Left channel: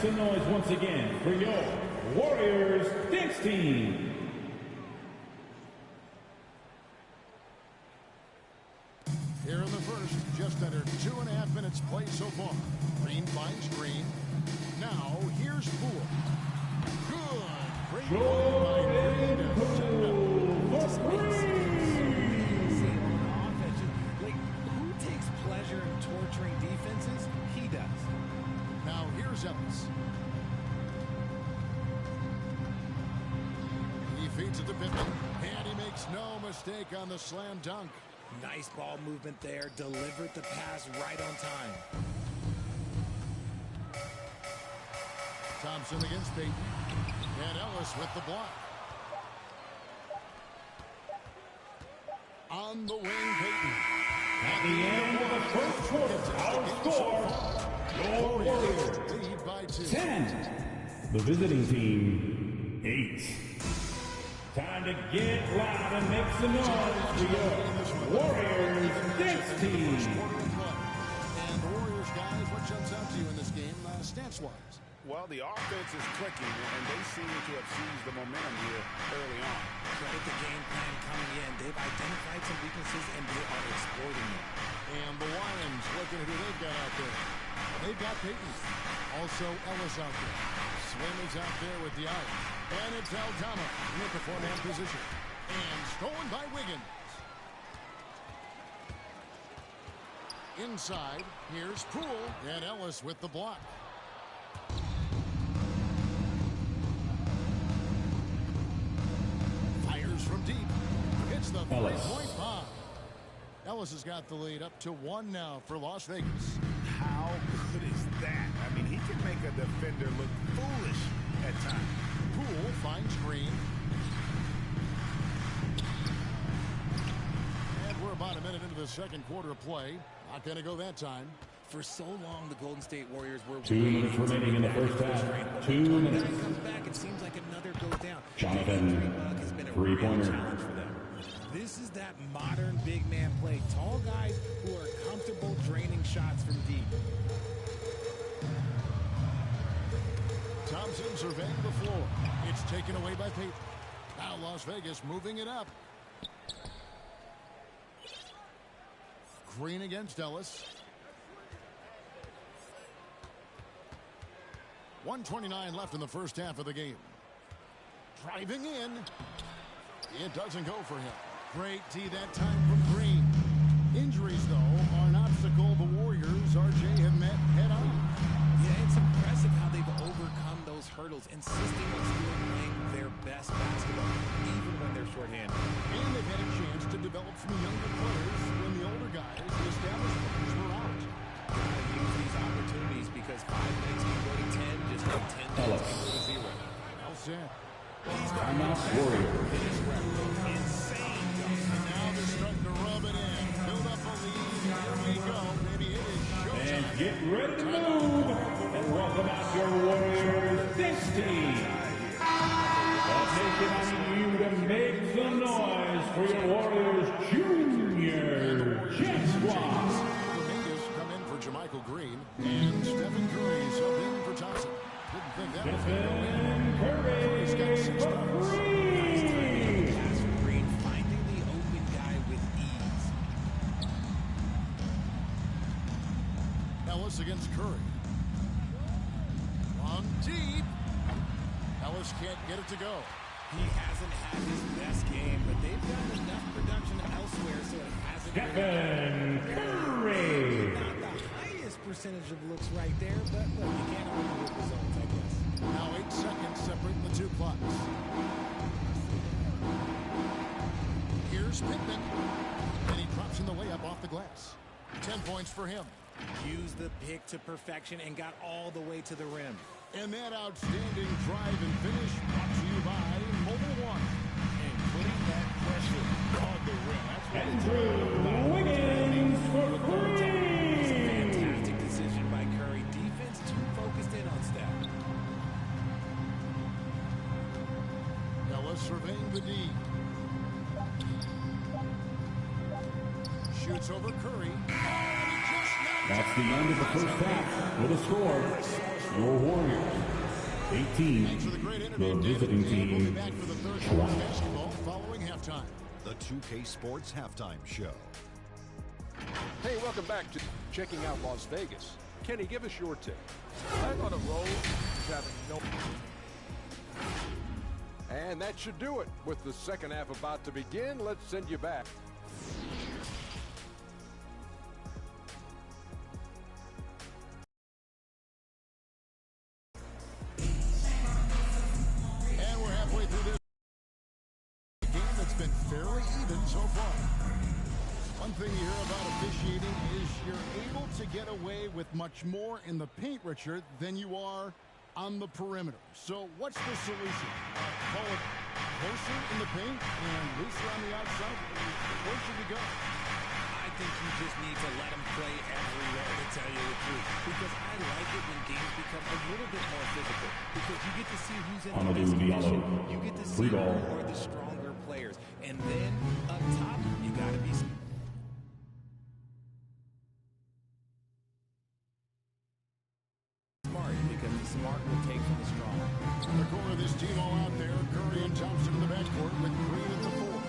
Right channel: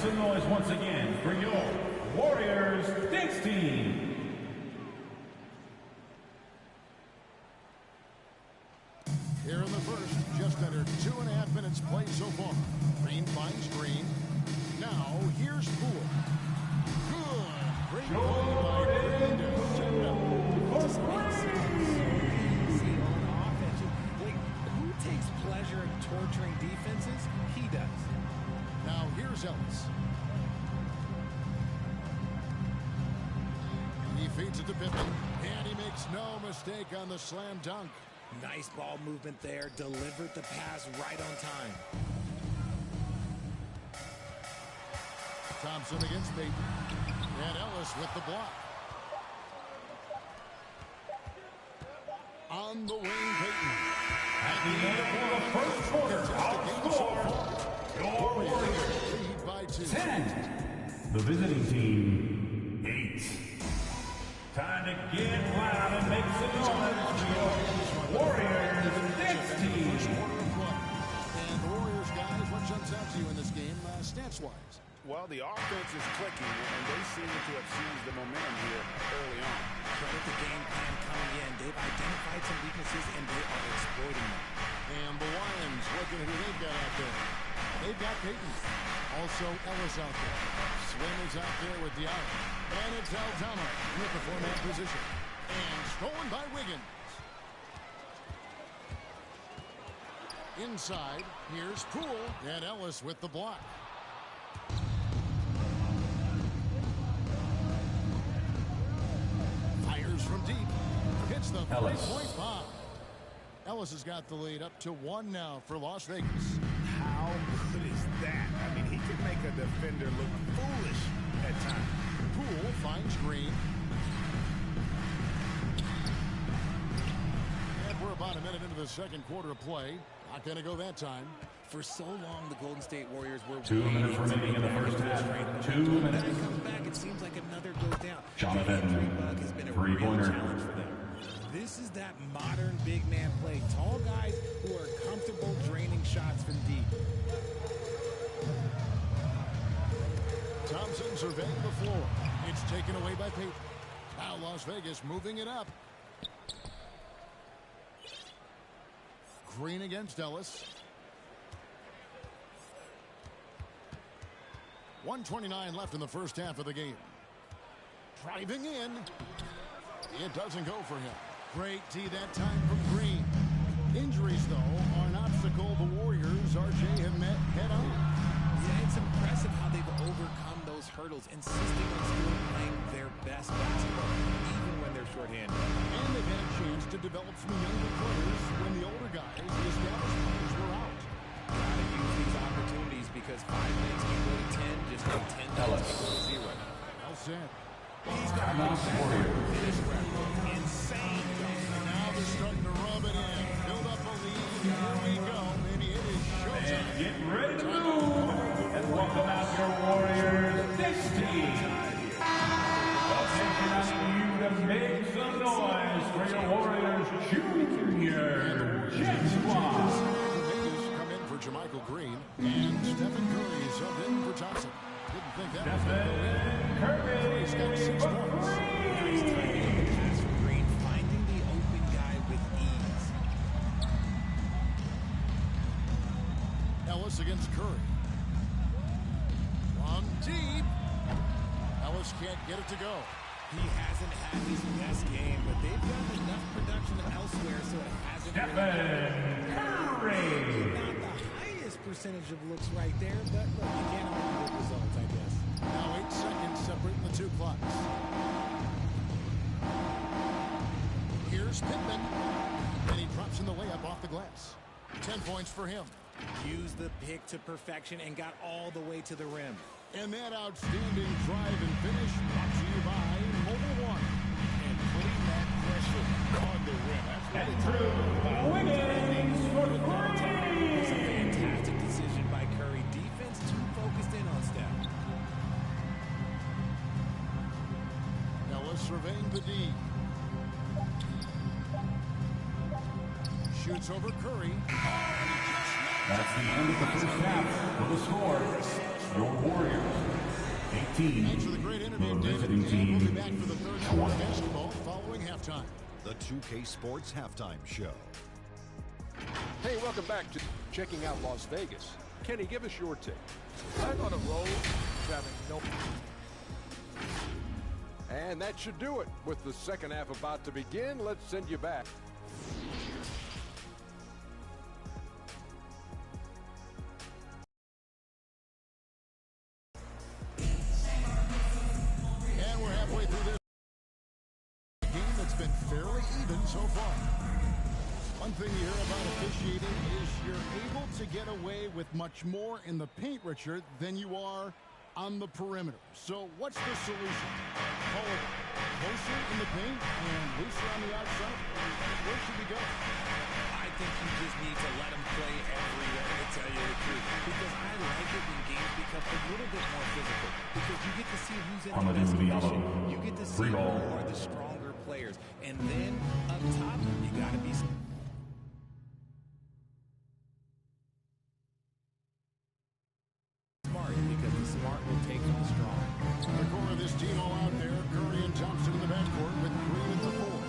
some noise once again for your Warriors dance team. Here in the first, just under 2.5 minutes played so far. Green finds Green. Now, here's Poole. Good. Great play by Green to set it up. This makes it so easy on offense. Like, who takes pleasure in torturing defenses? He does. Now, here's Ellis. He feeds it to Pippen, and he makes no mistake on the slam dunk. Nice ball movement there. Delivered the pass right on time. Thompson against Payton. And Ellis with the block. On the wing, Payton. At the end of the first quarter, our score, your Warriors lead by 2. 10. The visiting team, 8. Time to get loud and make some noise for your Warriors dance team. And the Warriors, guys, what jumps out to you in this game, stance-wise? Well, the offense is clicking, and they seem to have seized the momentum here early on. Credit the game plan coming in. They've identified some weaknesses, and they are exploiting them. And the Lions, looking at who they've got out there. They've got Payton. Also Ellis out there. Slim is out there with the out. And it's Aldama with the four-man position. And stolen by Wiggins. Inside, here's Poole. And Ellis with the block. Fires from deep. Hits the three-point bomb. Ellis has got the lead up to 1 now for Las Vegas. How good is that? I mean, he can make a defender look foolish at times. Poole finds Green. And we're about a minute into the second quarter of play. Not going to go that time. For so long, the Golden State Warriors were 2 minutes remaining in the first half. 2 minutes. When it comes back, it seems like another goes down. Jonathan, the injury bug has been a real challenge for them. This is that modern big man play. Tall guys who are comfortable draining shots from deep. Thompson surveying the floor. It's taken away by Payton. Now Las Vegas moving it up. Green against Ellis. 1:29 left in the first half of the game. Driving in. It doesn't go for him. Great D that time from Green. Injuries, though, are an obstacle the Warriors, RJ, have met head-on. Yeah, it's impressive how they've overcome those hurdles, insisting on still playing their best basketball, even when they're shorthanded. And they've had a chance to develop some younger players when the older guys, the established players, were out. Gotta use these opportunities because 5 minutes can go to 10, just like 10 minutes can go to 0. Well said. He's got insane dunk. And now they're starting to rub it in. Build up a lead. Here we go. Maybe it is showtime. And get ready to move. And welcome out your Warriors dance team. Nation, I need you to make some noise for your Warriors Junior Jet Squad. Come in for JaMychal Green. And Stephen Curry subbed in for Thompson. Didn't think that was going to go in. Curry's got 6 points. Nice timing on the pass from Green, finding the open guy with ease. Ellis against Curry. From deep. Ellis can't get it to go. He hasn't had his best game, but they've gotten enough production elsewhere, so it hasn't Stephen Curry. Not the highest percentage of looks right there, but look, you can't argue with results, I guess. Now 8 seconds separating the 2 clocks. Here's Pippen, and he drops in the layup off the glass. 10 points for him. Used the pick to perfection and got all the way to the rim. And that outstanding drive and finish brought to you by Mobile One. And putting that pressure on the rim. That's what it's Andrew Wiggins for three. It's a fantastic decision by Curry. Defense too focused in on Steph. Ellis surveying the D. Shoots over Curry. Oh, and he just knocked That's the end of the first half with a score your Warriors. 18. Thanks for the great interview, The David. visiting team, We'll be back for the third quarter of basketball following halftime. The 2K Sports Halftime Show. Hey, welcome back to Checking Out Las Vegas. Kenny, give us your take. I'm on a roll, having no... And that should do it. With the second half about to begin, let's send you back. And we're halfway through this game that's been fairly even so far. One thing you hear about officiating is you're able to get away with much more in the paint, Richard, than you are on the perimeter. So what's the solution? Call it closer in the paint and looser on the outside? Where should we go? I think you just need to let them play everywhere, to tell you the truth. Because I like it when games become a little bit more physical. Because you get to see who's in the best condition. You get to see who are the stronger players. And then up top, you got to be... smart, because the smart will take from the strong. The core of this team all out there. Curry and Thompson in the backcourt with Green at the 4.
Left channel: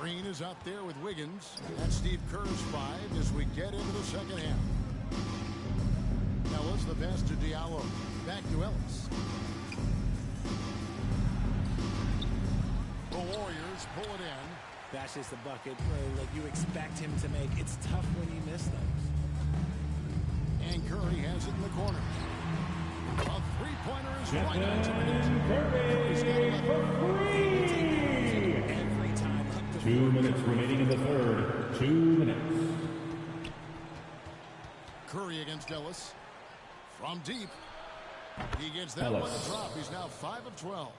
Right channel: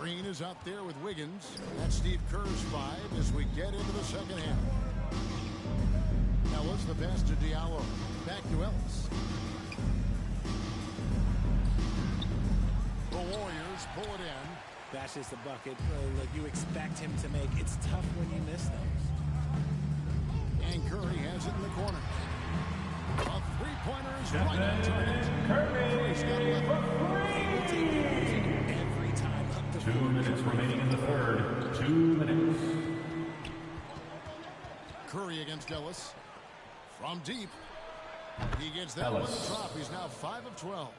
Green is out there with Wiggins. That's Steve Kerr's 5 as we get into the second half. Ellis, the pass to Diallo. Back to Ellis. The Warriors pull it in. That's just a bucket. Look, you expect him to make. It's tough when you miss those. And Curry has it in the corner. A three-pointer is right on target. Curry's got 11. Able to acknowledge it every time up the 2 minutes remaining in the third. 2 minutes. Curry against Ellis. From deep. He gets that one to drop. He's now 5 of 12.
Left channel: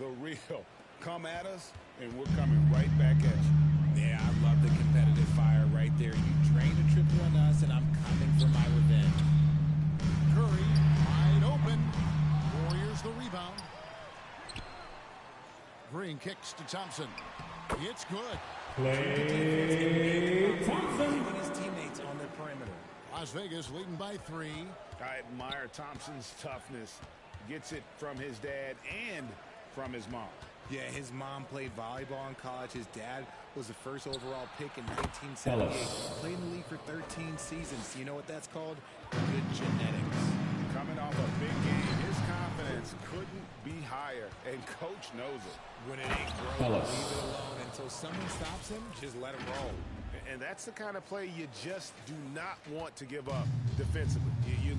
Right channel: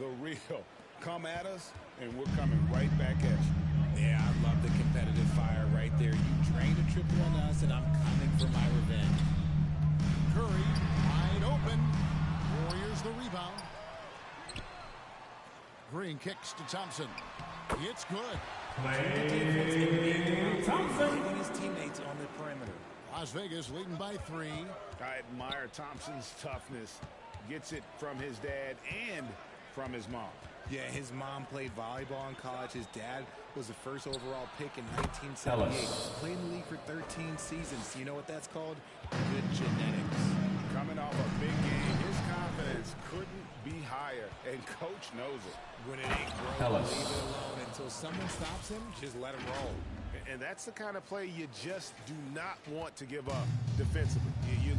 The real. Come at us, and we're coming right back at you. Yeah, I love the competitive fire right there. You drained a triple on us, and I'm coming for my revenge. Curry wide open. Warriors the rebound. Green kicks to Thompson. It's good. Klay Thompson. Taking his teammates on the perimeter. Las Vegas leading by 3. I admire Thompson's toughness. Gets it from his dad and from his mom. Yeah, his mom played volleyball in college. His dad was the first overall pick in 1978. Played in the league for 13 seasons. You know what that's called? Good genetics. Coming off a big game, his confidence couldn't be higher, and coach knows it. When it ain't broke, leave it alone until someone stops him. Just let him roll. And that's the kind of play you just do not want to give up defensively. You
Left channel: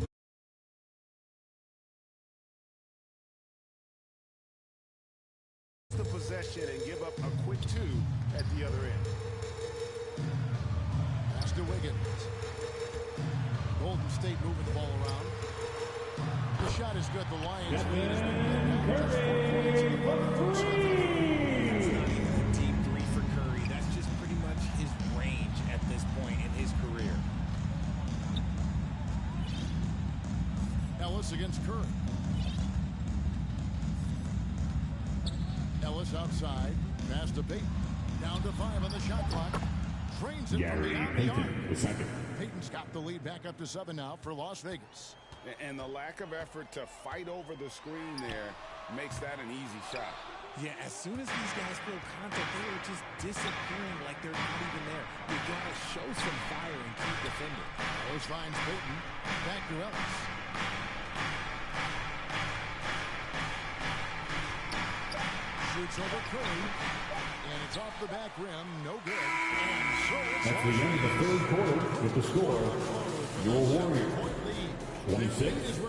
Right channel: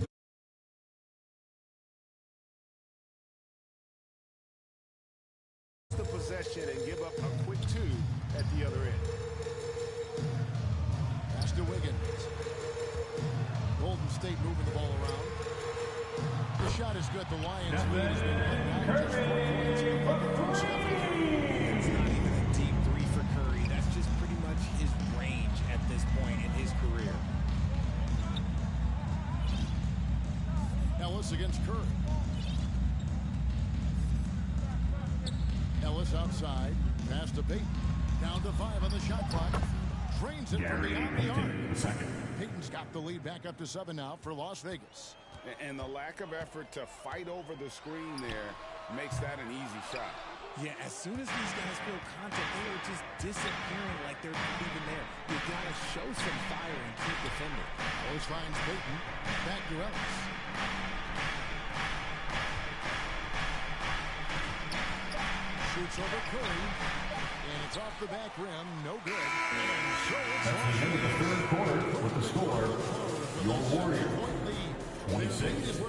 the possession and give up a quick 2 at the other end. Pass to Wiggins. Golden State moving the ball around. The shot is good. The Lions lead has been cut down. Just 4 points in the bucket from Stephen Curry. That's not even a deep 3 for Curry. That's just pretty much his range at this point in his career. Ellis against Curry. Ellis outside. Pass to Payton. Down to 5 on the shot clock. Drains it from beyond the arc. Payton's got the lead back up to 7 now for Las Vegas. And the lack of effort to fight over the screen there makes that an easy shot. Yeah, as soon as these guys feel contact, they are just disappearing like they're not even there. You got to show some fire and keep defending. Ellis finds Payton. Back to Ellis. Shoots over Curry. And it's off the back rim. No good. And so it's That's the end of the third quarter with the score. Your Warriors 26.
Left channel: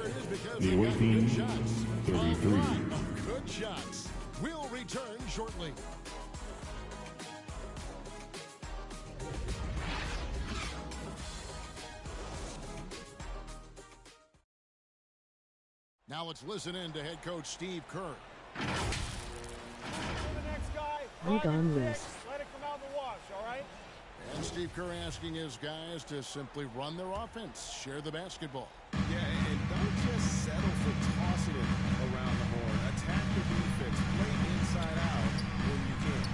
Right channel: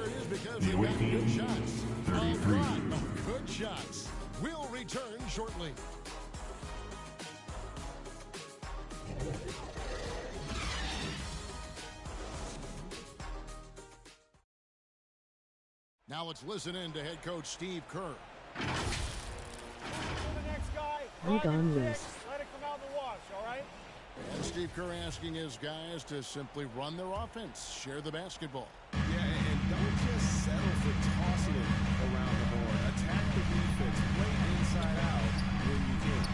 The away team 33. Good shots. We'll return shortly. Now let's listen in to head coach Steve Kerr. Lead on loose. Let it come out in the wash, all right? And Steve Kerr asking his guys to simply run their offense, share the basketball. Yeah, and don't just settle for tossing it around the horn. Attack the defense. Play inside out when you can.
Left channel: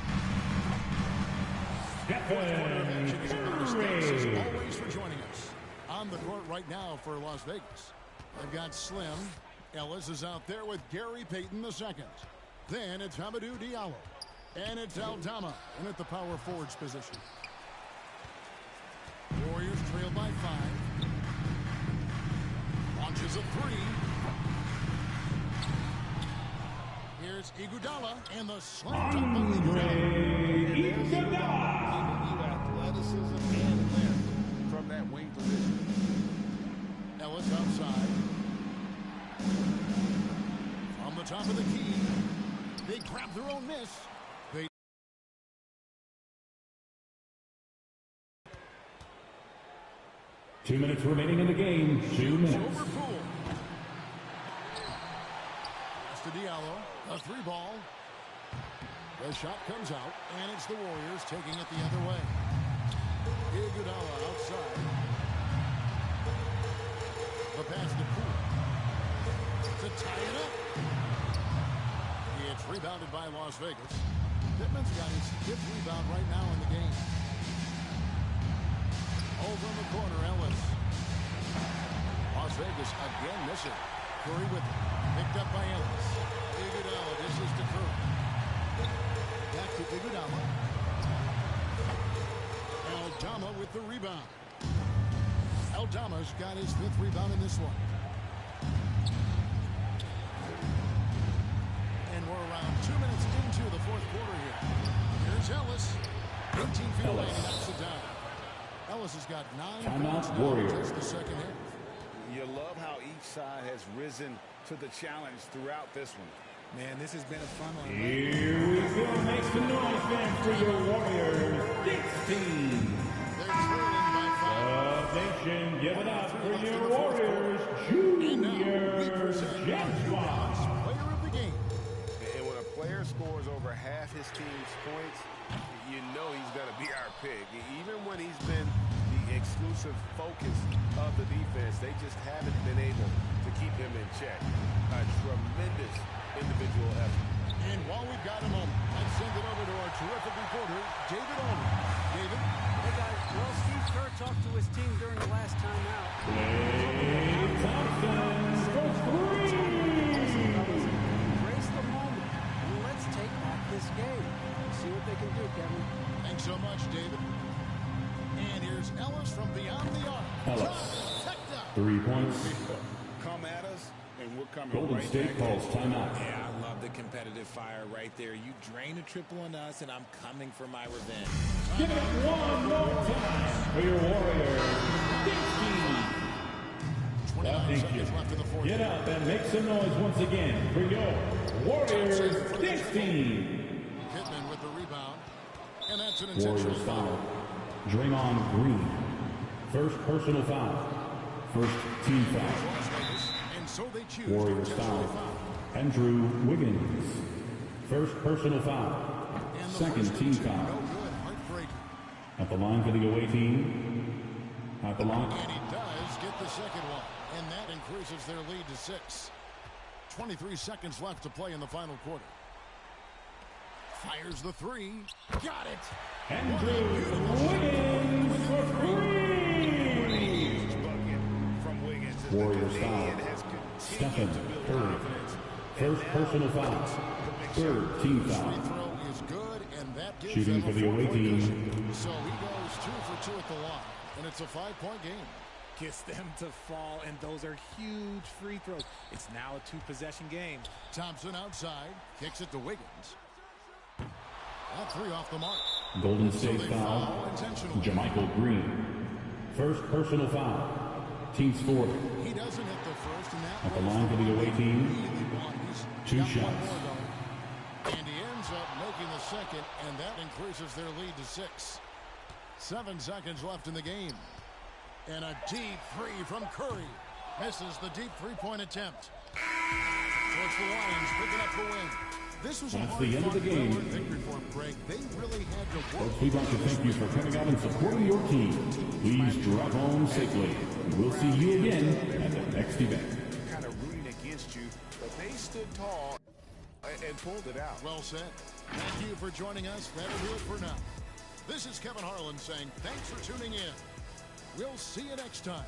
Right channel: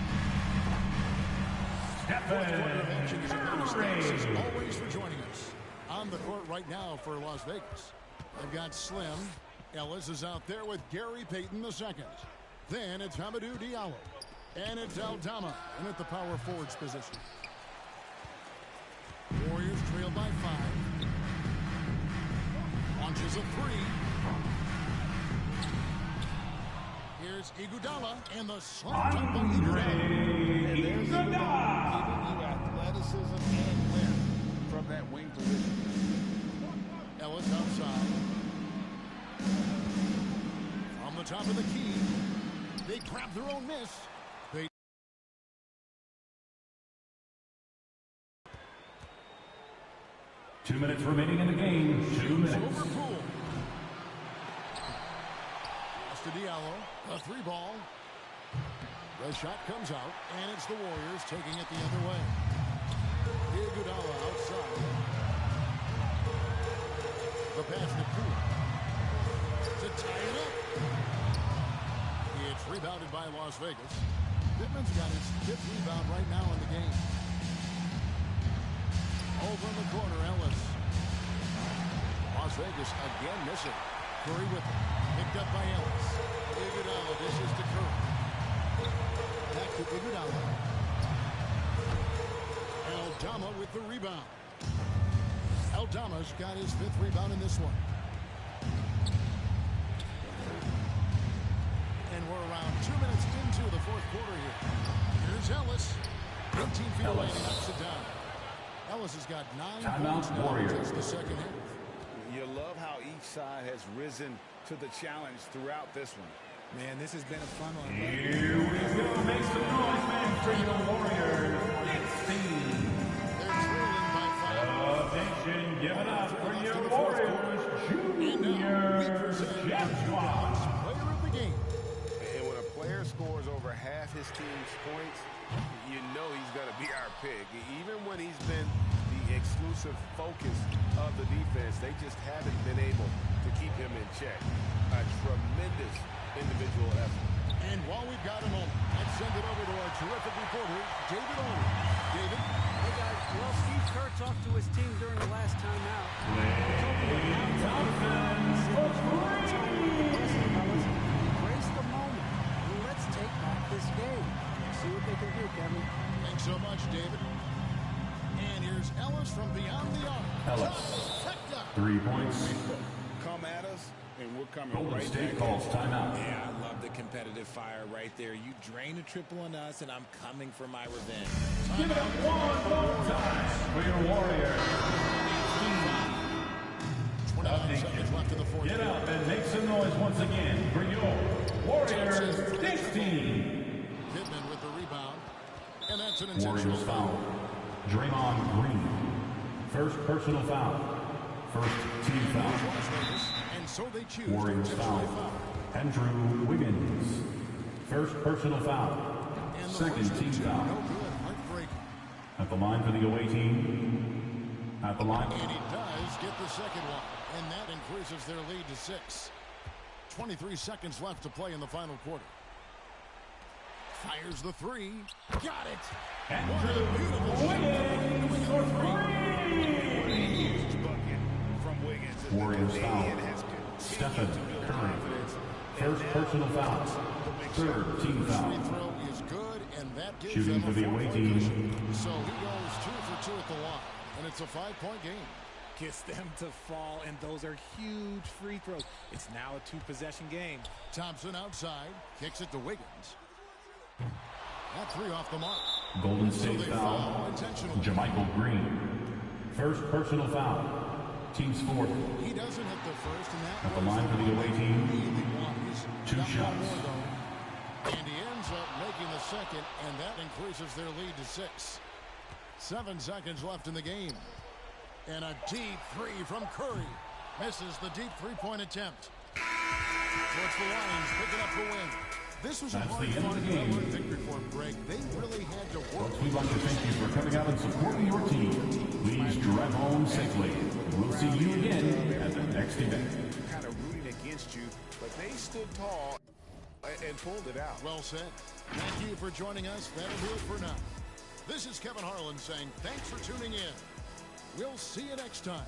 Fourth quarter of action is upon us. Thanks as always for joining us. On the court right now for Las Vegas. They've got Slim. Ellis is out there with Gary Payton II. Then it's Hamidou Diallo. And it's Aldama in at the power forwards position. Warriors trail by 5. Launches a 3. Here's Iguodala and the slam dunk by Iguodala. And there's Iguodala giving you athleticism and length from that wing position. Ellis outside. From the top of the key. They grab their own miss. They 2 minutes remaining in the game. 2 minutes. over Poole. Pass to Diallo. A 3 ball. The shot comes out, and it's the Warriors taking it the other way. Iguodala outside. The pass to Poole. To tie it up. It's rebounded by Las Vegas. Pittman's got his 5th rebound right now in the game. Over in the corner, Ellis. Las Vegas again missing. Curry with it. Picked up by Ellis. Iguodala dishes to Curry. Back to Iguodala. Aldama with the rebound. Aldama's got his 5th rebound in this one. And we're around 2 minutes into the 4th quarter here. Here's Ellis. 18 feet away and he knocks it down. Ellis has got 9 points now in just the second half. You love how each side has risen to the challenge throughout this one. Man, this has been a fun one. Here we go. Make some noise, man, for your Warriors. 16. They're trailing by 5. Nation, give it up for your in the 4th Warriors. quarter. And now we Junior present our James New Balance Player of the Game. And when a player scores over half his team's points, you know he's going to be our pick. Even when he's been the exclusive focus of the defense, they just haven't been able to keep him in check. A tremendous individual effort. And while we've got a moment, let's send it over to our terrific reporter, David Aldridge. David? Hey, guys. Well, Steve Kerr talked to his team during the last timeout. Embrace the moment. And let's take back this game. See what they can do, Kevin. Thanks so much, David. And here's Ellis from beyond the arc. Ellis. 3 points. Come at us, and we're coming Golden right State back calls at you. Yeah, timeout. I love the competitive fire right there. You drain a triple on us, and I'm coming for my revenge. Give it up one more time for your Warriors. 29 seconds left in the 4th Get up and make some noise once again for your Warriors. 16. Pittman with the rebound. And that's an intentional Warriors foul. Draymond Green. First personal foul. First team foul. Las Vegas, and so they choose Warriors to foul. intentionally foul. Andrew Wiggins. First personal foul. And the Second first team of 2, foul. no good, heartbreaking. At the line for the away team. At the line. And he does get the second one, and that increases their lead to 6. 23 seconds left to play in the final quarter. Fires the 3. Got it. What a beautiful shot for 3. What a huge bucket from Wiggins. As Warriors the foul. Canadian has Stephen continued to build Curry. confidence. First personal foul. Third team First foul. free throw is good, and that gives Shooting them for a the away 4-point team. cushion. So he goes 2 for 2 at the line, and it's a 5-point game. Gets them to fall, and those are huge free throws. It's now a 2-possession game. Thompson outside, kicks it to Wiggins. That 3 off the mark. Golden So State they foul. foul intentionally. JaMychal Green. First personal foul. Team scored. He doesn't hit the first, and that At the was line for the one away they team. really want. He's 2 got shots. one more, though. And he ends up making the second, and that increases their lead to 6. 7 seconds left in the game. And a deep 3 from Curry. Misses the deep 3-point attempt. So it's the Lions picking up the win. This was a That's hard the end of the game. victory for them, Greg. They really had to work. Folks, we'd like to thank you for coming out and supporting your team. Please drive home safely. We'll see you again at the next event. Kind of rooting against you, but they stood tall and pulled it out. Well said. Thank you for joining us. That'll do it for now. This is Kevin Harlan saying thanks for tuning in. We'll see you next time.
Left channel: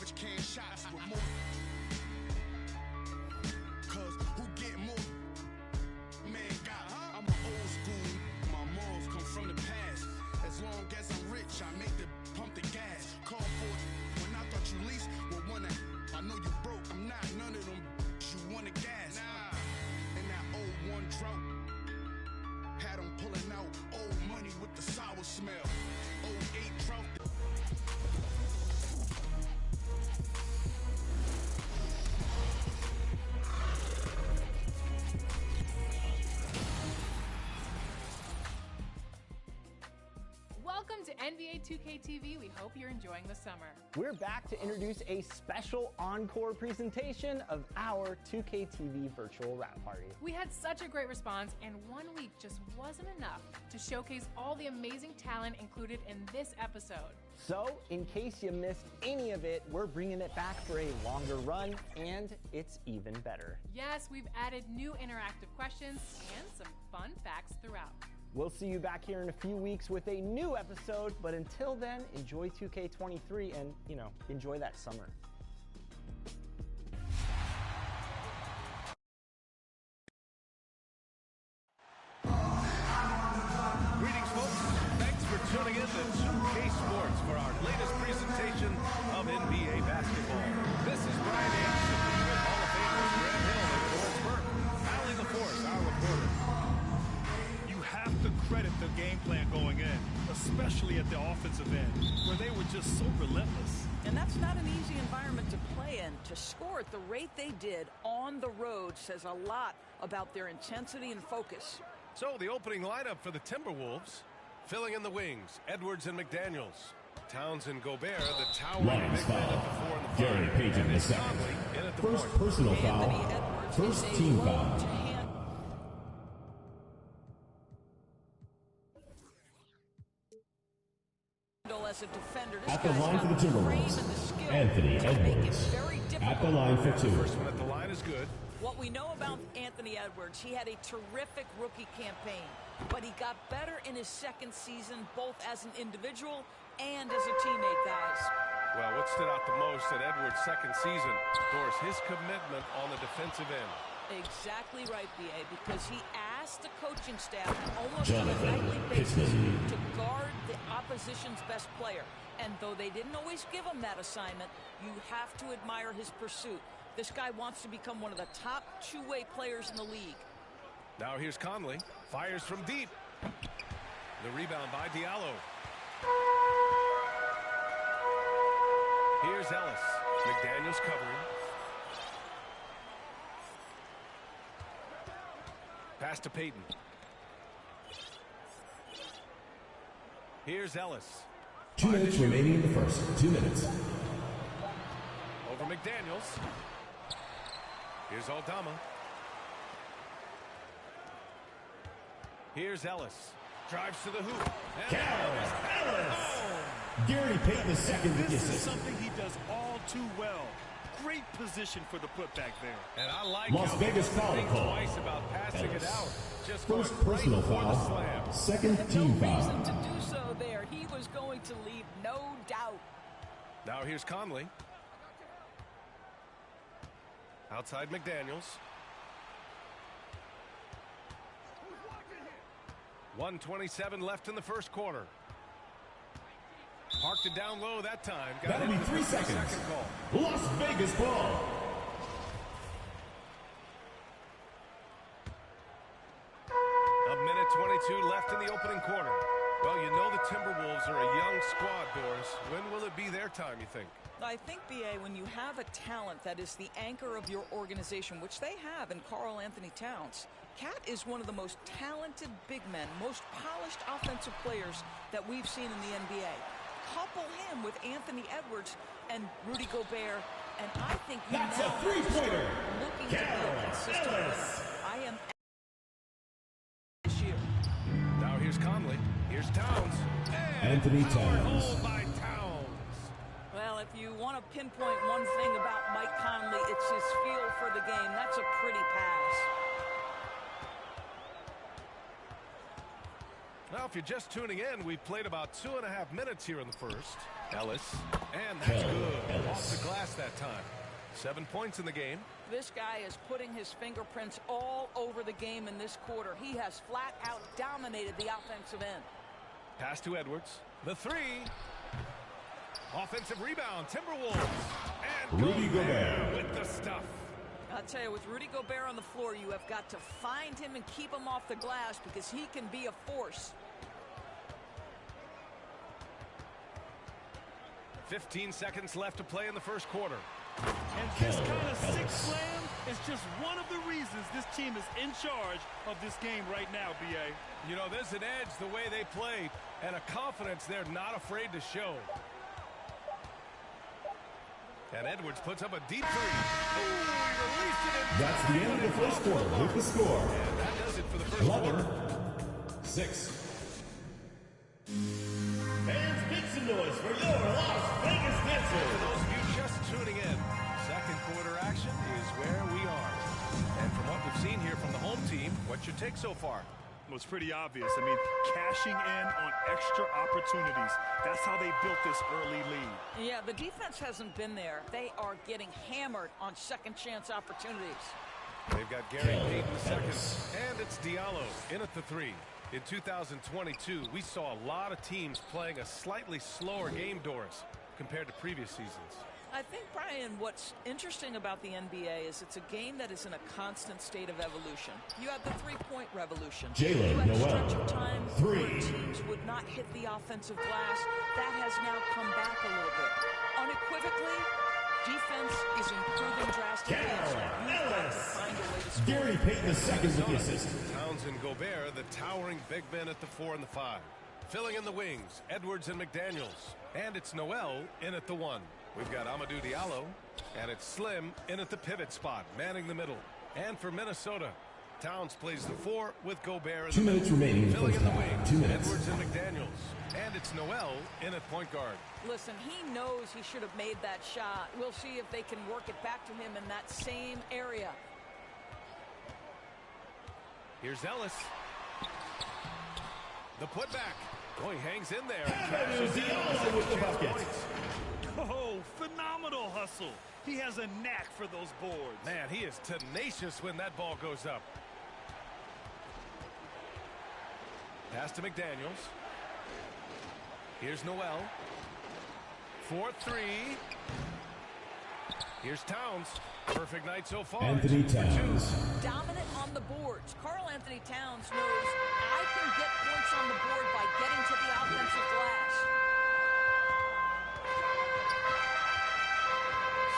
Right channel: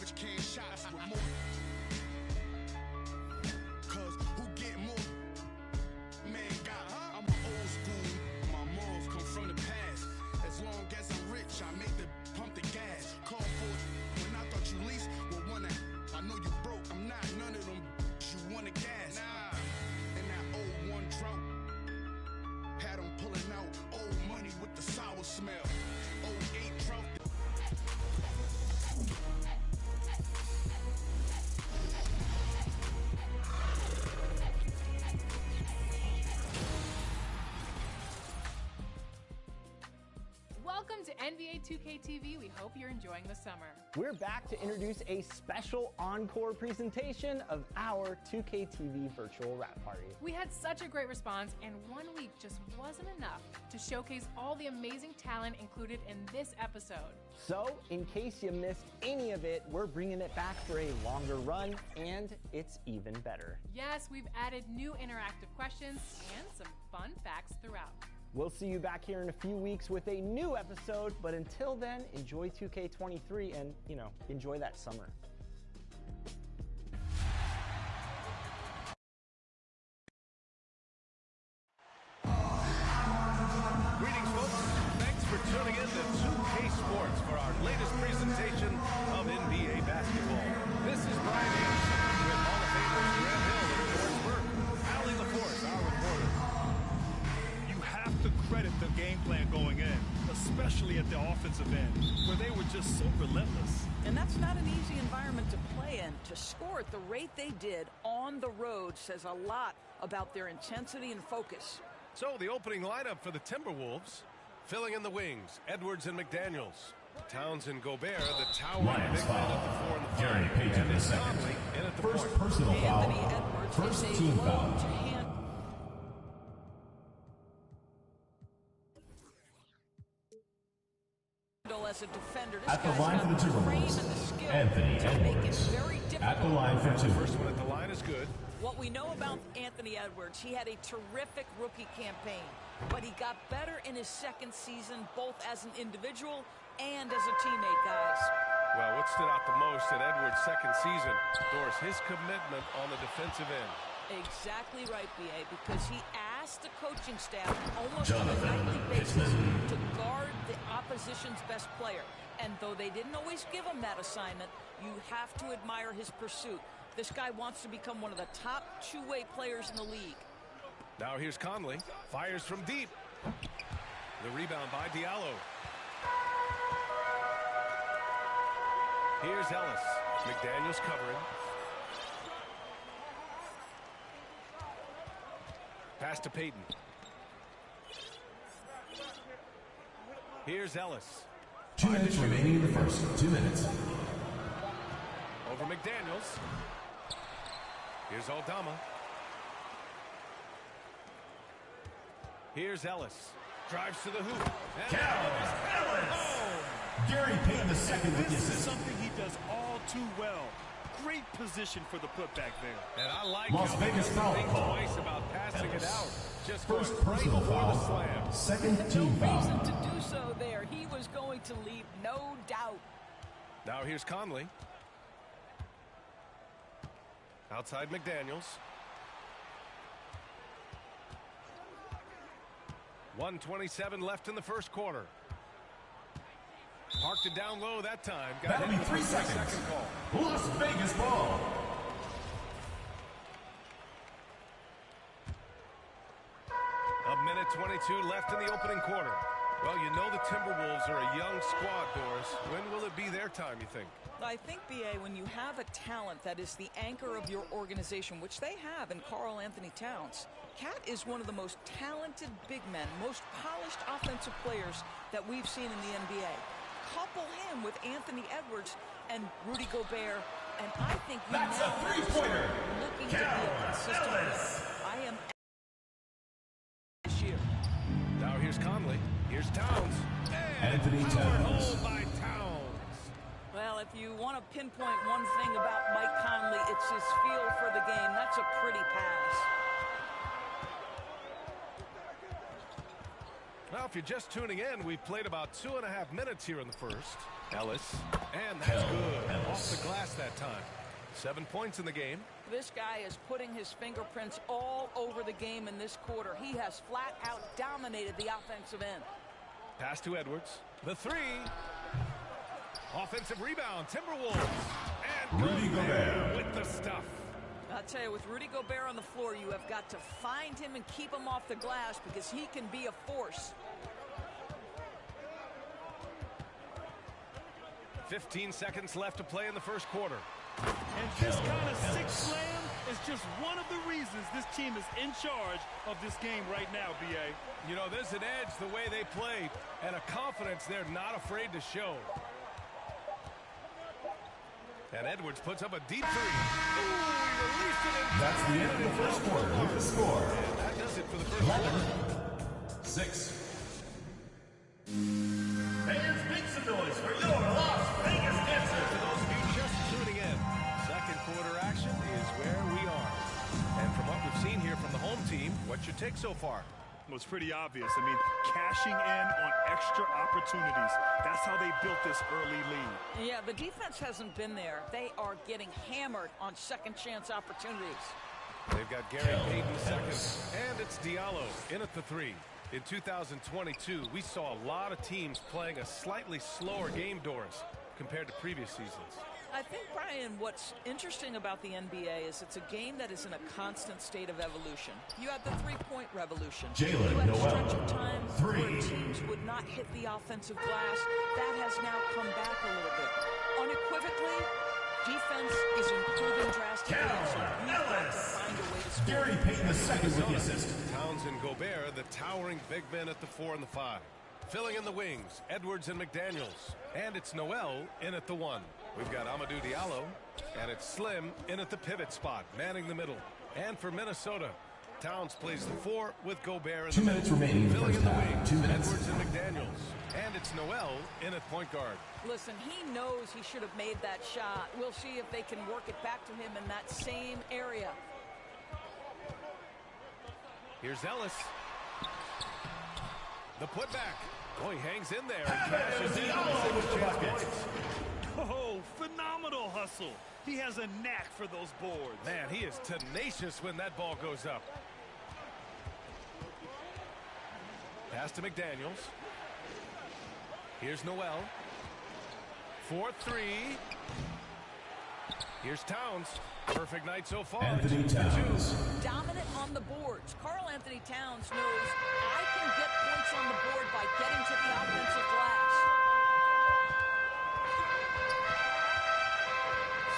garbage can shots with more. Cause who get more? Man, God, I'm an old school. My morals come from the past. As long as I'm rich, I make the pump the gas. Call for it when I thought you least would wanna. I know you broke. I'm not none of them. You wanna gas? Nah. And that 01 drought had them pulling out old money with the sour smell. 08 drought. Welcome to NBA 2K TV. We hope you're enjoying the summer. We're back to introduce a special encore presentation of our 2K TV virtual wrap party. We had such a great response, and 1 week just wasn't enough to showcase all the amazing talent included in this episode. So, in case you missed any of it, we're bringing it back for a longer run, and it's even better. Yes, we've added new interactive questions and some fun facts throughout. We'll see you back here in a few weeks with a new episode, but until then, enjoy 2K23 and, enjoy that summer. Greetings, folks. Thanks for tuning in to 2K Sports for our latest presentation of NBA basketball. This is Brian Anderson with Hall of Famers Graham Hill and Doris Burke. Allie LaForce, our reporter. You have to credit the game plan going in, especially at the offensive end, where they were just so relentless. And that's not an easy environment to play in. To score at the rate they did on the road says a lot about their intensity and focus. So the opening lineup for the Timberwolves, filling in the wings, Edwards and McDaniels. Towns and Gobert, the towering big men at the 4 and the 5. Gary Payton and the it's second. Conley in at the First point. personal foul. Anthony Edwards First is a team load foul. to handle as a defender. This At the guy's line got for the the frame Timberwolves, and the skill Anthony to make it Edwards. very difficult. At the line for And the two. first one at the line is good. What we know about Anthony Edwards, he had a terrific rookie campaign, but he got better in his second season, both as an individual and as a teammate, guys. Well, what stood out the most in Edwards' second season, Doris, his commitment on the defensive end. Exactly right, B.A., because he asked the coaching staff almost Jonathan on a nightly basis Pittman. to guard the opposition's best player. And though they didn't always give him that assignment, you have to admire his pursuit. This guy wants to become one of the top two-way players in the league. Now here's Conley. Fires from deep. The rebound by Diallo. Here's Ellis. McDaniels covering. Pass to Payton. Here's Ellis. 2 minutes remaining in the first. 2 minutes. Over McDaniels. Here's Aldama. Here's Ellis. Drives to the hoop. And Ellis. home. Gary Payton the second with the This is assist. something he does all too well. Great position for the putback there. And I like Las how Vegas he doesn't foul think call. twice about passing it out. Just First going right personal for the foul. slam. Second No team foul. reason to do so there. He was going to leave, no doubt. Now here's Conley. Outside McDaniels. 1:27 left in the first quarter. Parked it down low that time. Got That'll hit be with 3 the seconds. second call. Las Vegas ball. A minute 22 left in the opening quarter. Well, you know the Timberwolves are a young squad, Doris. When will it be their time, you think? I think, B.A., when you have a talent that is the anchor of your organization, which they have in Karl Anthony Towns, Cat is one of the most talented big men, most polished offensive players that we've seen in the NBA. Couple him with Anthony Edwards and Rudy Gobert, and I think you That's now a have to three-pointer. start looking to be a consistent winner. I am this year. Now here's Conley. Here's Towns. And Anthony powered Towns. home by Towns. Well, if you want to pinpoint one thing about Mike Conley, it's his feel for the game. That's a pretty pass. Well, if you're just tuning in, we've played about 2.5 minutes here in the first. Ellis, and that's good. Off the glass that time. 7 points in the game. This guy is putting his fingerprints all over the game in this quarter. He has flat out dominated the offensive end. Pass to Edwards. The three. Offensive rebound. Timberwolves. And Rudy Gobert with the stuff. I'll tell you, with Rudy Gobert on the floor, you have got to find him and keep him off the glass because he can be a force. 15 seconds left to play in the first quarter. And this kind of six slam is just one of the reasons this team is in charge of this game right now, B.A. You know, there's an edge the way they play and a confidence they're not afraid to show. And Edwards puts up a deep three. Ooh, he released it. That's the end of the first quarter with the score. And that does it for the first quarter. 11-6. Fans, make some noise for your Las Vegas Dancers. For those of you just tuning in, second quarter action is where we are. And from what we've seen here from the home team, what's your take so far? Well, it's pretty obvious. I mean, cashing in on extra opportunities. That's how they built this early lead. Yeah, the defense hasn't been there. They are getting hammered on second chance opportunities. They've got Gary Payton the second, and it's Diallo in at the three. In 2022, we saw a lot of teams playing a slightly slower game, Doris, compared to previous seasons. I think, Brian, what's interesting about the NBA is it's a game that is in a constant state of evolution. You had the three-point revolution. You had a stretch of time where teams would not hit the offensive glass. That has now come back a little bit. Unequivocally, defense is improving drastically, and so you've got to find a way to score. Gary Payton the second with the assist. Towns and Gobert, the towering big men at the 4 and the 5. Filling in the wings, Edwards and McDaniels. And it's Noel in at the 1. We've got Amadou Diallo, and it's Slim in at the pivot spot, manning the middle. And for Minnesota, Towns plays the 4 with Gobert in the 2 minutes remaining in the filling first in the half. wings, 2 minutes. Edwards and McDaniels. And it's Noel in at point guard. Listen, he knows he should have made that shot. We'll see if they can work it back to him in that same area. Here's Ellis. The putback. Oh, he hangs in there and cashes in on the second chance points. Oh, phenomenal hustle. He has a knack for those boards. Man, he is tenacious when that ball goes up. Pass to McDaniels. Here's Noel. 4-3. Here's Towns. Perfect night so far. Anthony Towns. Dominant on the boards. Karl Anthony Towns knows I can get points on the board by getting to the offensive glass.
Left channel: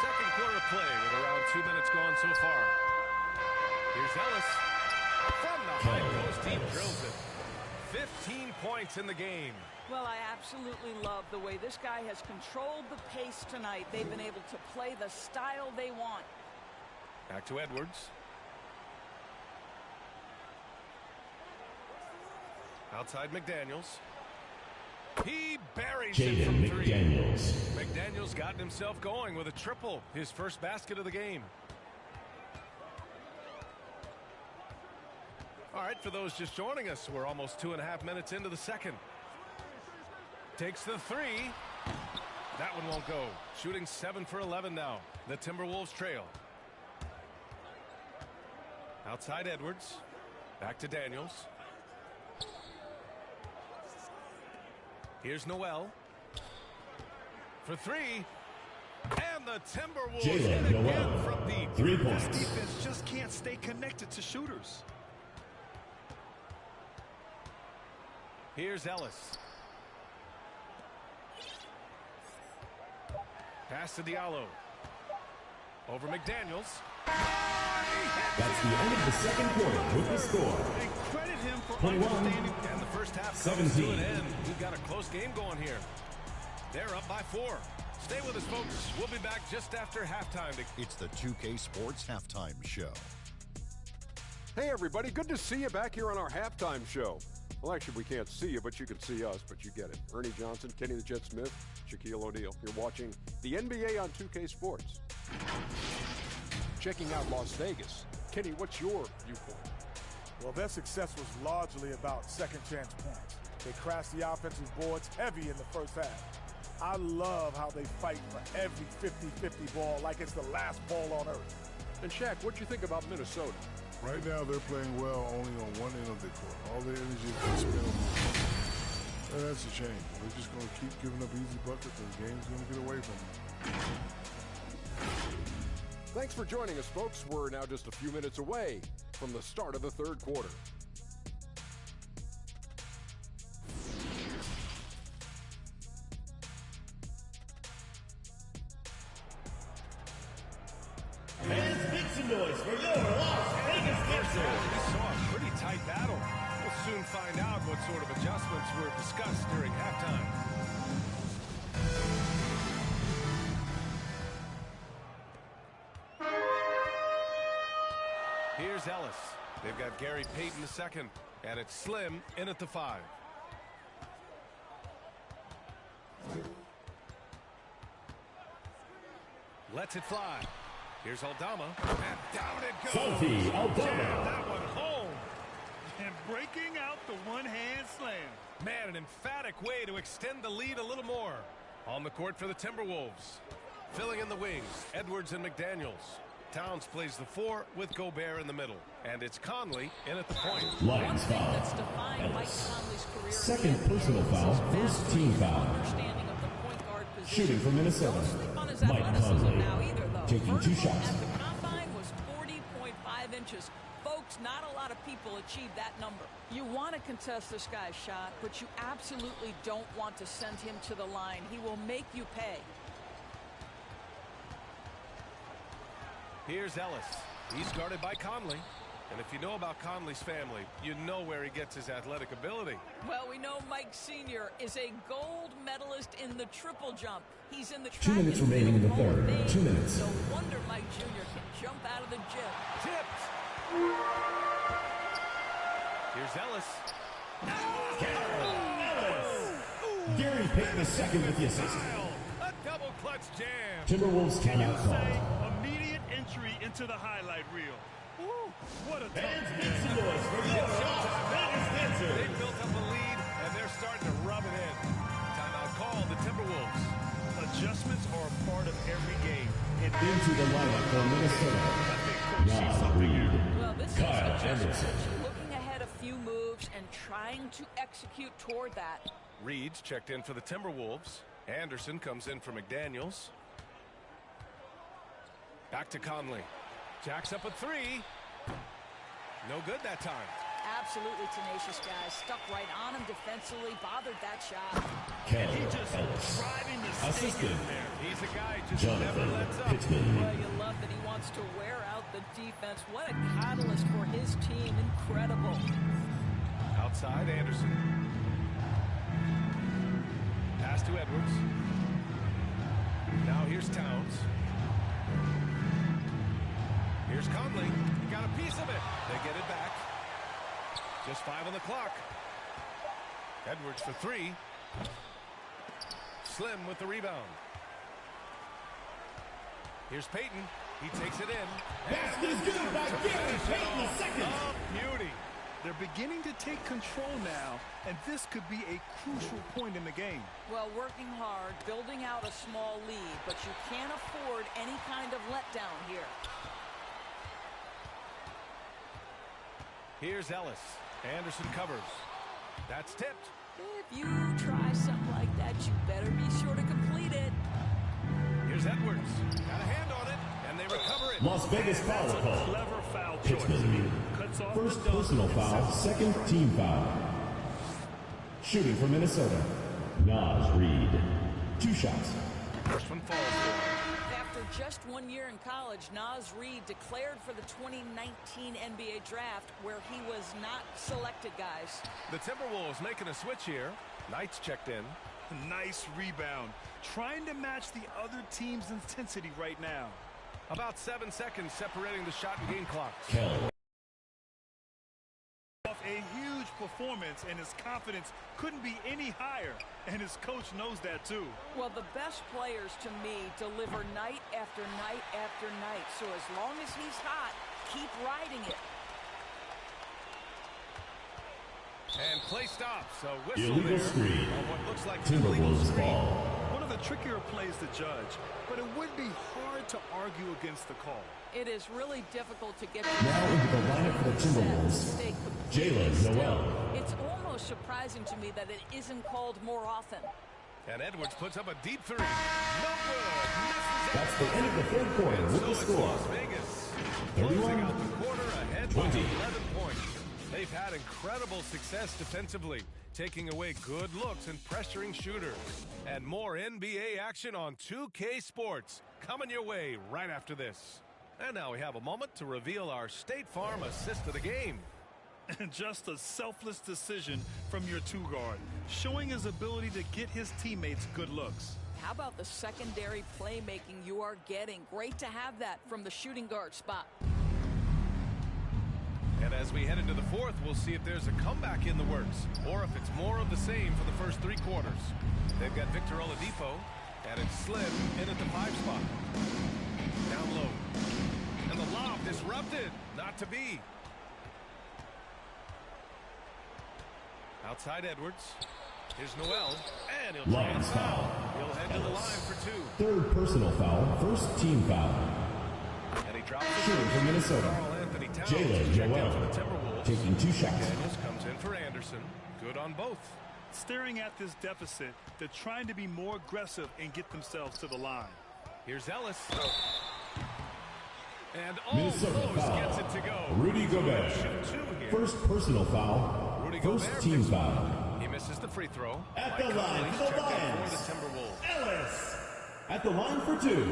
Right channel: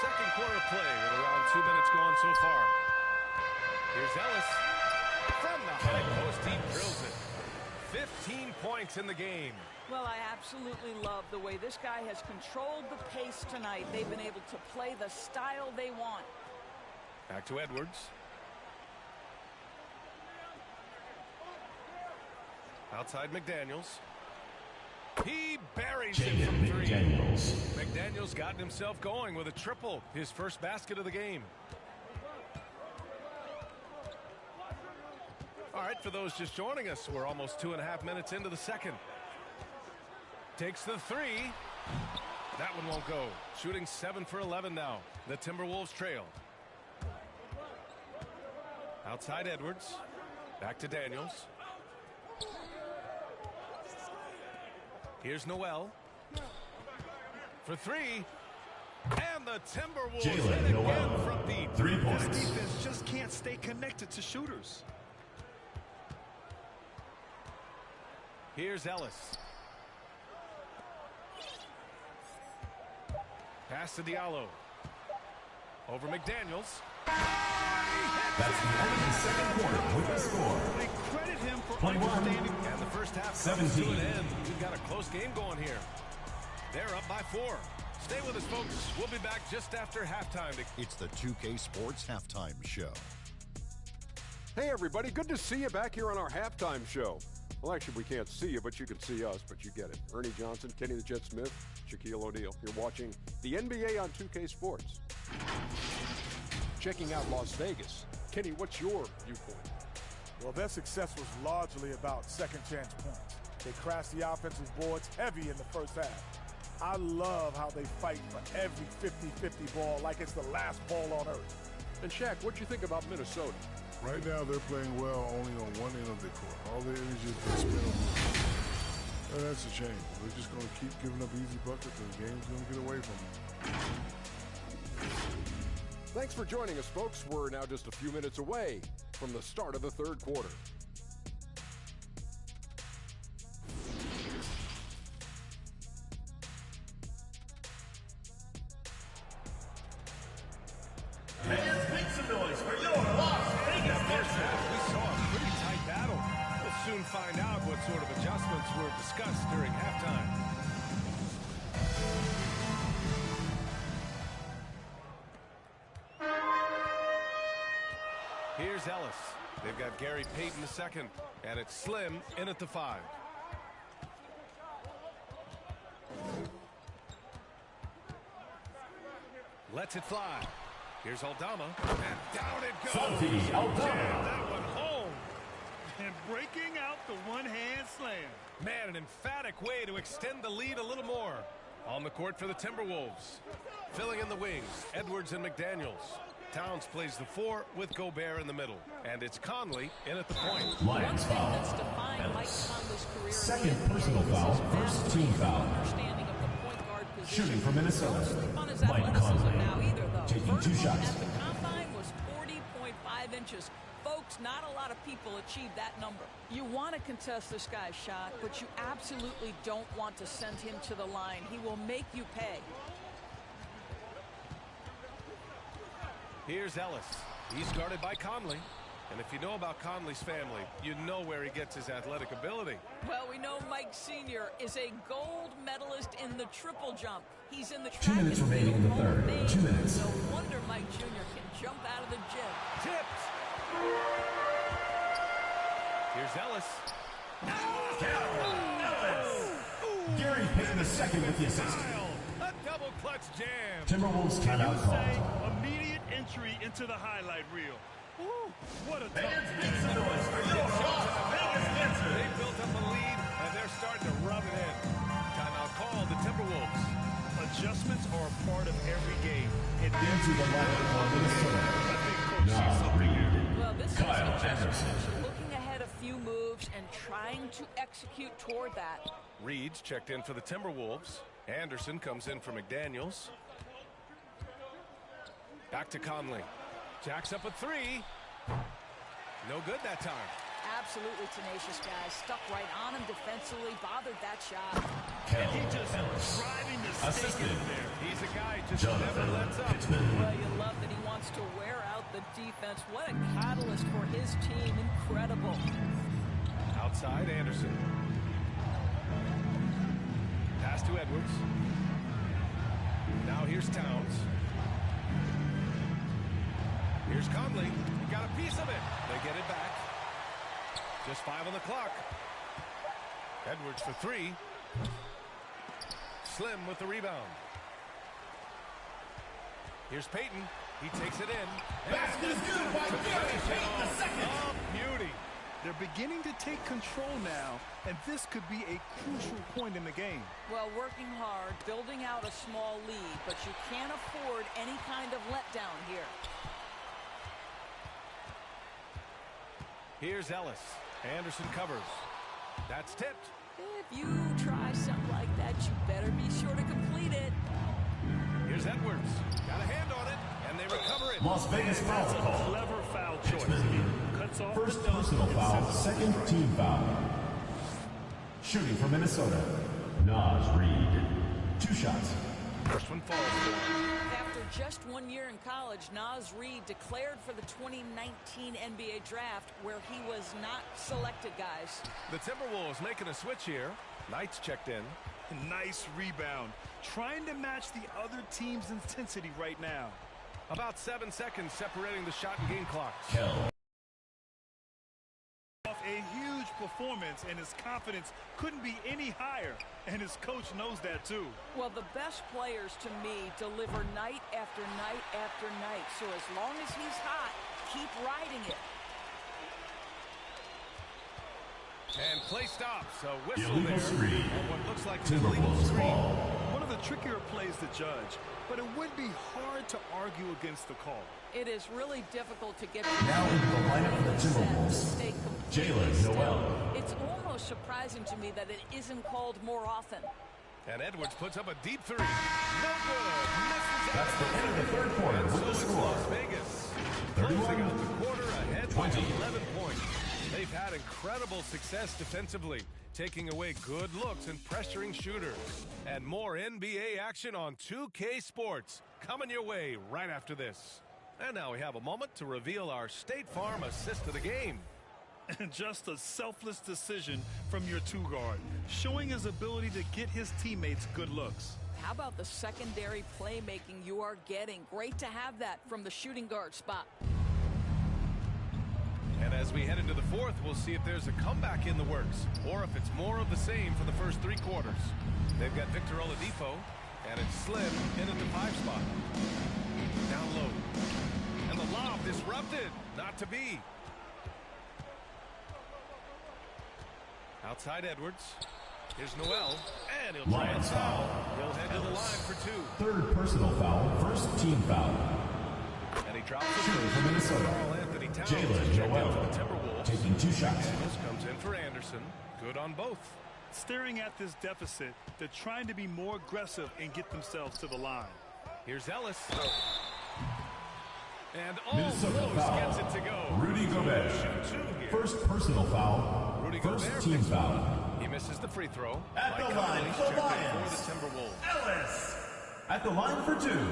Second quarter play with around 2 minutes gone so far. Here's Ellis. From the high post, he drills it. 15 points in the game. Well, I absolutely love the way this guy has controlled the pace tonight. They've been able to play the style they want. Back to Edwards. Outside McDaniels. He buries it from three. McDaniels gotten himself going with a triple. His first basket of the game. All right, for those just joining us, we're almost 2.5 minutes into the second. Takes the three. That one won't go. Shooting 7 for 11 now. The Timberwolves trail. Outside Edwards. Back to Daniels. Here's Noel. For three. And the Timberwolves hit again from deep. 3 points. This defense just can't stay connected to shooters. Here's Ellis. Pass to Diallo. Over McDaniels. That's the end of the second quarter with the score. And credit him for 21, understanding. And the first half comes 17. to an end. We've got a close game going here. They're up by 4. Stay with us, folks. We'll be back just after halftime. It's the 2K Sports Halftime Show. Hey, everybody. Good to see you back here on our halftime show. Well, actually, we can't see you, but you can see us, but you get it. Ernie Johnson, Kenny the Jet Smith, Shaquille O'Neal. You're watching the NBA on 2K Sports. Checking out Las Vegas. Kenny, what's your viewpoint? Well, their success was largely about second chance points. They crashed the offensive boards heavy in the first half. I love how they fight for every 50-50 ball like it's the last ball on earth. And Shaq, what'd you think about Minnesota? Right now, they're playing well only on one end of the court. All their energy is being spent on the and that's a shame. They're just going to keep giving up easy buckets, and the game's going to get away from them. Thanks for joining us, folks. We're now just a few minutes away from the start of the third quarter. Fans, make some noise for your Las Vegas Dancers. We saw a pretty tight battle. We'll soon find out what sort of adjustments were discussed during halftime. Here's Ellis. They've got Gary Payton the second, and it's Slim in at the 5. Lets it fly. Here's Aldama, and down it goes. Santi Aldama. Jam that one home. And breaking out the one-hand slam. Man, an emphatic way to extend the lead a little more. On the court for the Timberwolves. Filling in the wings, Edwards and McDaniels. Towns plays the 4 with Gobert in the middle. And it's Conley in at the point. Lions foul. That's defined Mike Conley's career. Second personal foul, first team foul. Understanding of the point guard position. Shooting for Minnesota. Don't sleep on his Mike athleticism Conley. now either, though. Taking 2 shots. At the combine was 40.5 inches. Folks, not a lot of people achieve that number. You want to contest this guy's shot, but you absolutely don't want to send him to the line. He will make you pay. Here's Ellis. He's guarded by Conley. And if you know about Conley's family, you know where he gets his athletic ability. Well, we know Mike Sr. is a gold medalist in the triple jump. He's in the 2 minutes remaining in the third. 2 minutes. No wonder Mike Jr. can jump out of the gym. Tipped. Here's Ellis. Gary Payton the second with the assist. A double clutch jam. Timberwolves timeout Say called. immediate entry into the highlight reel. Woo, what a tough Fans, make game. some noise for your Las Vegas Dancers. They built up a lead, and they're starting to rub it in. Timeout called the Timberwolves. Adjustments are a part of every game. Into the lineup for Minnesota. I think Coach sees Nas something here. Reed. Well, this Kyle is Anderson. looking ahead a few moves and trying to execute toward that. Reed's checked in for the Timberwolves. Anderson comes in for McDaniels. Back to Conley. Jacks up a 3. No good that time. Absolutely tenacious guys. Stuck right on him defensively. Bothered that shot. And he just driving the stake in there. He's a guy just never lets up. Well, you love that he wants to wear out the defense. What a catalyst for his team. Incredible. Outside, Anderson. Pass to Edwards. Now here's Towns. Here's Conley. He got a piece of it. They get it back. Just 5 on the clock. Edwards for 3. Slim with the rebound. Here's Payton. He takes it in. Basket is good by Gary Payton the second. Oh, beauty. They're beginning to take control now, and this could be a crucial point in the game. Well, working hard, building out a small lead, but you can't afford any kind of letdown here. Here's Ellis. Anderson covers. That's tipped. If you try something like that, you better be sure to complete it. Here's Edwards. Got a hand on it, and they recover it. Las Vegas foul That's a call. clever foul choice. Cuts off First the dunk personal and foul, sets the second score team foul. Shooting for Minnesota. Nas Reed. 2 shots. First one falls for him. After just 1 year in college, Nas Reed declared for the 2019 NBA draft, where he was not selected, guys. The Timberwolves making a switch here. Knight's checked in. Nice rebound. Trying to match the other team's intensity right now. About 7 seconds separating the shot and game clocks. Off a huge performance, and his confidence couldn't be any higher, and his coach knows that too. Well, the best players to me deliver night after night after night, so as long as he's hot, keep riding it. And play stops. A whistle Illegal there screen. on what looks like an illegal Timberwolves screen. ball. One of the trickier plays to judge, but it would be hard to argue against the call. It is really difficult to get Now into the lineup for the Timberwolves, Jalen Noel. It's almost surprising to me that it isn't called more often. And Edwards puts up a deep three. No good. Misses. That's the end of the third quarter And with so the it's score. Las Vegas 31, closing out the quarter ahead 20. by 11 points. They've had incredible success defensively, taking away good looks and pressuring shooters. And more NBA action on 2K Sports coming your way right after this. And now we have a moment to reveal our State Farm assist of the game. And just a selfless decision from your two-guard, showing his ability to get his teammates good looks. How about the secondary playmaking you are getting? Great to have that from the shooting guard spot. And as we head into the fourth, we'll see if there's a comeback in the works or if it's more of the same for the first three quarters. They've got Victor Oladipo, and it's Slim in at the 5 spot. Down low. And the lob disrupted. Not to be. Outside Edwards. Here's Noel, and he'll try and Lions foul. foul. He'll head to the line for 2. Third personal foul, first team foul. And he drops the Shooter from Minnesota, Carl Anthony Towns Jalen is checked in Noel, for the Timberwolves. taking 2 shots. McDaniels comes in for Anderson. Good on both. Staring at this deficit, they're trying to be more aggressive and get themselves to the line. Here's Ellis. And Minnesota almost foul. gets it to go. Rudy Gobert. Shoot 2 here. First personal foul, Rudy first Gobert team picks foul. one. He misses the free throw. At Mike the line Conley's for the checked in Lions. for the Timberwolves. Ellis at the line for 2.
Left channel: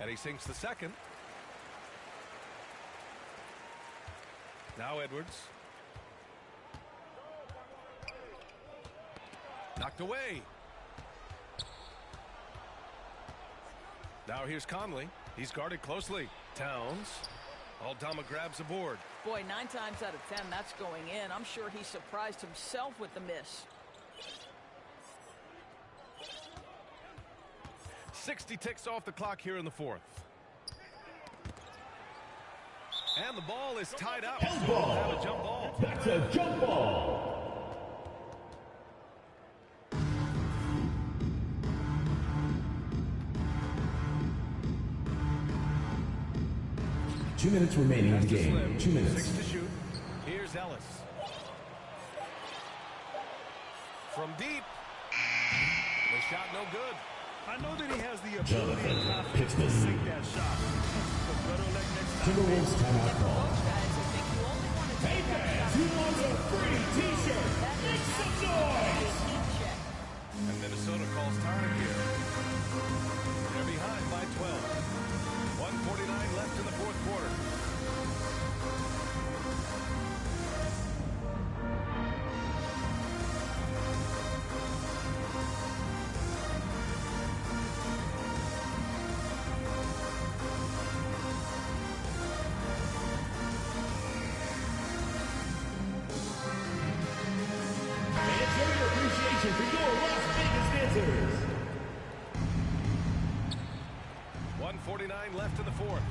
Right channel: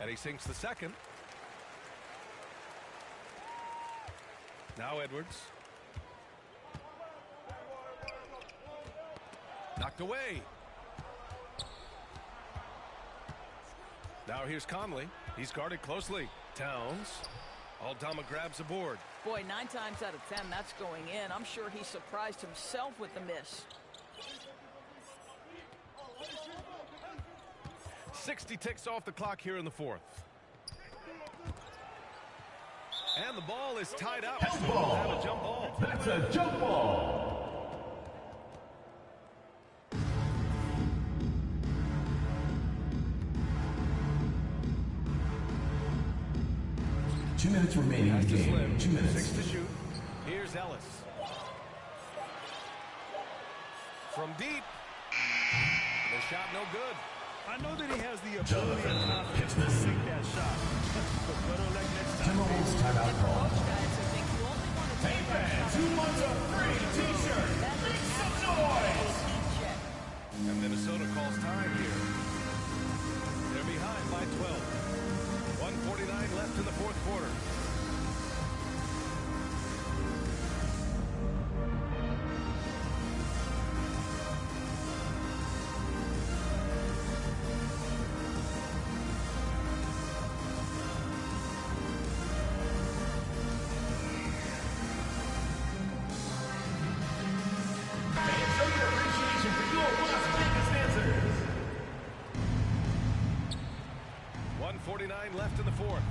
And he sinks the second. Now Edwards. Knocked away. Now here's Conley. He's guarded closely. Towns. Aldama grabs a board. Boy, 9 times out of 10, that's going in. I'm sure he surprised himself with the miss. 60 ticks off the clock here in the fourth. And the ball is tied up. So we'll have a jump ball. That's a jump ball. Two minutes remaining in the game. Slim. 2 minutes. 6 to shoot. Here's Ellis. From deep. The shot no good. I know that he has the ability and confidence to sink that shot. But better luck next time. Timberwolves timeout And for call. most guys, I think you only want to take that shot. Who wants a free t-shirt? Make some noise! Check. And Minnesota calls time here. They're behind by 12. 1:49 left in the fourth quarter. And show your appreciation for your Las Vegas dancers. 1:49 left in the fourth.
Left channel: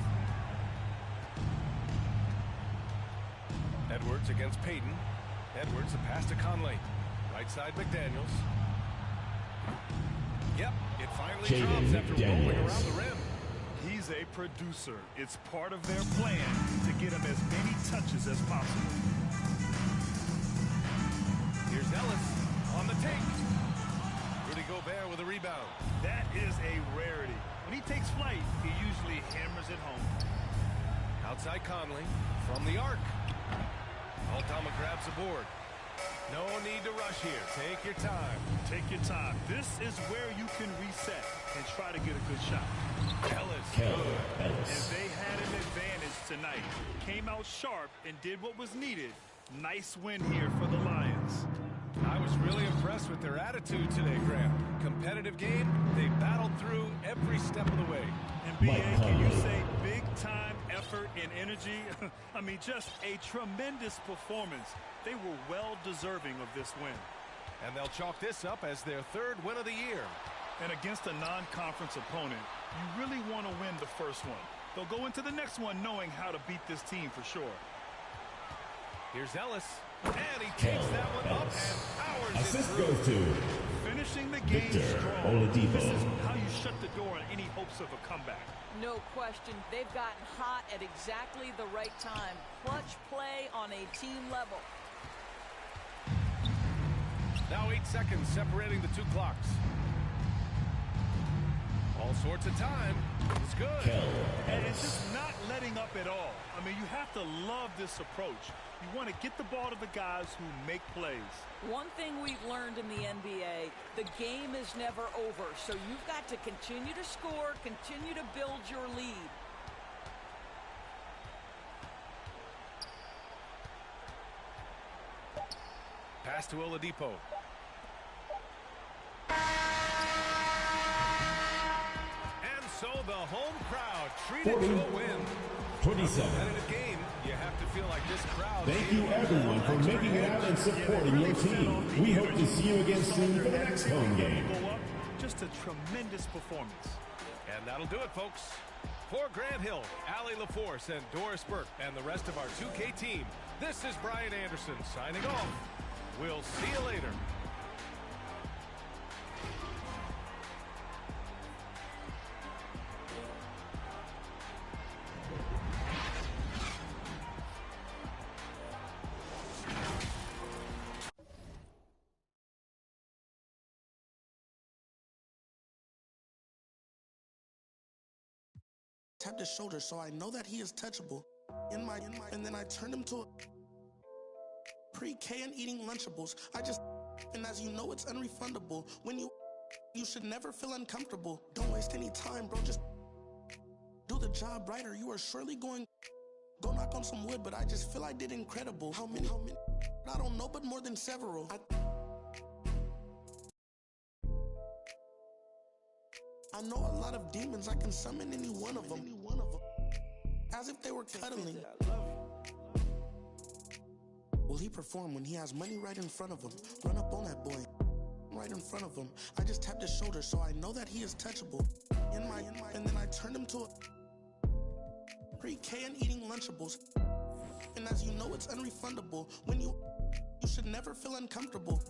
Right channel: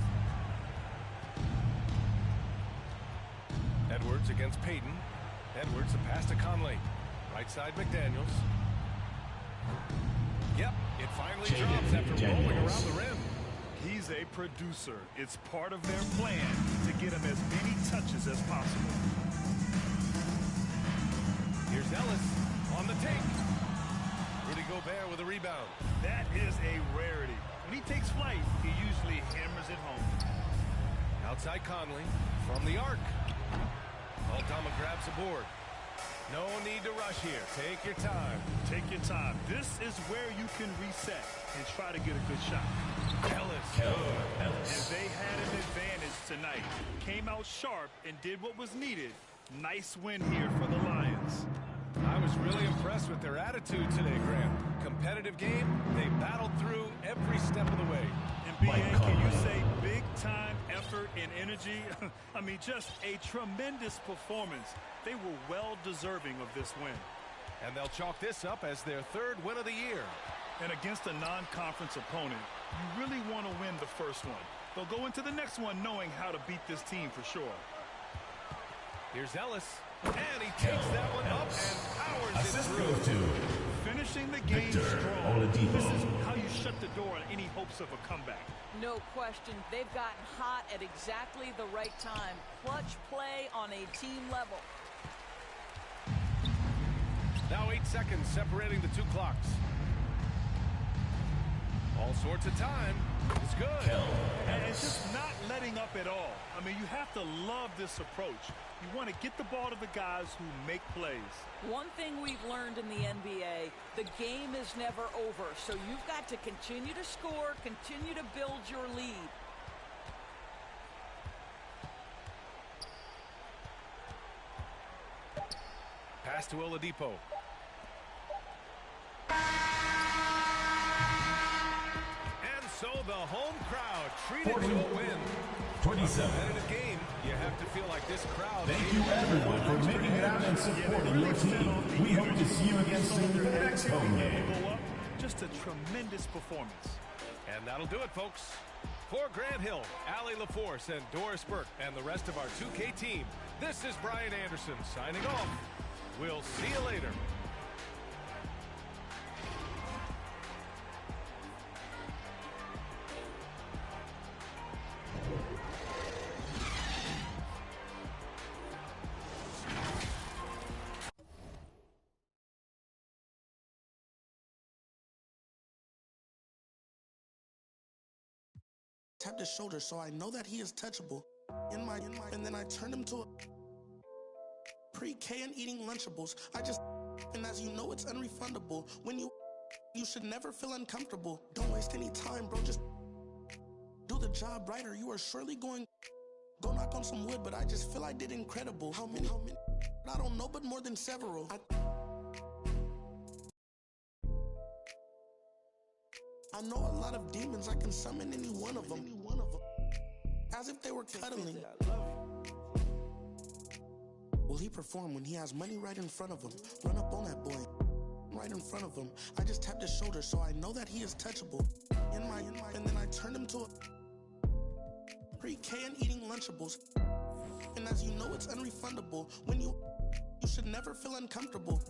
Edwards against Payton. Edwards, the pass to Conley. Right side, McDaniels. Yep, it finally Jaden drops after rolling McDaniels. around the rim. He's a producer. It's part of their plan to get him as many touches as possible. Here's Ellis on the take. Rudy Gobert with a rebound. That is a rarity. When he takes flight, he usually hammers it home. Outside Conley from the arc. Aldama grabs the board. No need to rush here. Take your time. Take your time. This is where you can reset and try to get a good shot. Ellis. And they had an advantage tonight. Came out sharp and did what was needed. Nice win here for the Lions. I was really impressed with their attitude today, Grant. Competitive game. They battled through every step of the way. And BA, can you say big time effort and energy? I mean, just a tremendous performance. They were well deserving of this win. And they'll chalk this up as their third win of the year. And against a non-conference opponent, you really want to win the first one. They'll go into the next one knowing how to beat this team for sure. Here's Ellis. And he takes that one up and powers it Assist through. goes to Finishing the game Victor strong. Oladipo. This is how you shut the door on any hopes of a comeback. No question. They've gotten hot at exactly the right time. Clutch play on a team level. Now 8 seconds separating the two clocks. All sorts of time. It's good. And it's just not letting up at all. I mean, you have to love this approach. You want to get the ball to the guys who make plays. One thing we've learned in the NBA, the game is never over. So you've got to continue to score, continue to build your lead. Pass to Oladipo. And so the home crowd treated 40, to a win. 27. A competitive game. You have to feel like this crowd. Thank you everyone for making it out and supporting your team. We hope to see you again soon for the next home game. Just a tremendous performance. And that'll do it, folks. For Grant Hill, Allie LaForce, and Doris Burke, and the rest of our 2K team, this is Brian Anderson signing off. We'll see you later. Tapped his shoulder, so I know that he is touchable. And then I turned him to a pre-K and eating Lunchables. And as you know, it's unrefundable. When you should never feel uncomfortable. Don't waste any time, bro. Just do the job right, or you are surely going. Go knock on some wood, but I just feel I did incredible. How many? I don't know, but more than several. I know a lot of demons, I can summon any one of them. As if they were cuddling. Will he perform when he has money right in front of him? Run up on that boy, right in front of him. I just tapped his shoulder, so I know that he is touchable. And then I turned him to a pre-K and eating Lunchables. And as you know, it's unrefundable. When you should never feel uncomfortable.